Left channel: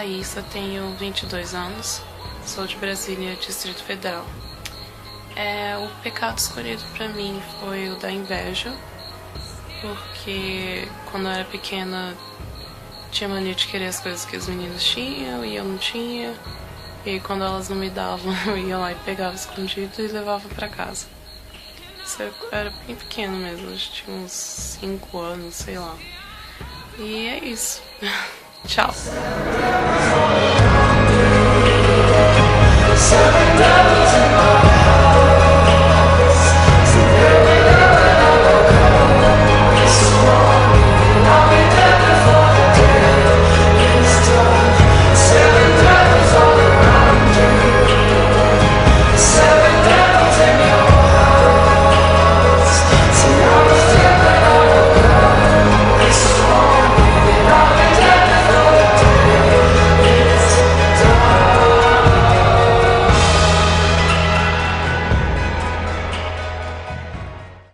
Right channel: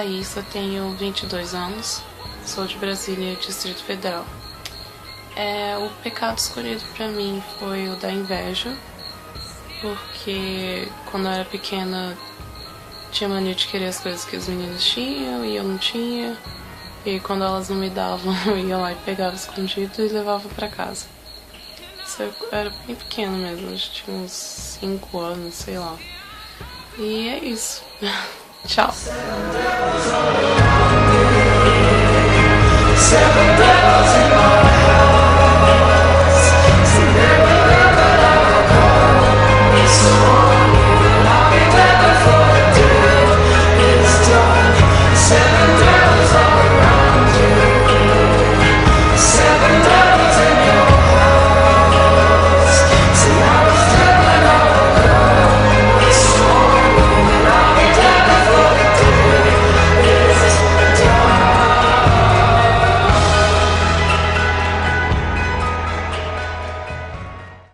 Thaís, eu tenho 22 anos, sou de Brasília, Distrito Federal. O pecado escolhido pra mim foi o da inveja, porque quando eu era pequena tinha mania de querer as coisas que os meninos tinham e eu não tinha. E quando elas não me davam, eu ia lá e pegava escondido e levava pra casa. Isso eu era bem pequena mesmo, acho que tinha uns 5 anos, sei lá. E é isso. Tchau. Seven devils in my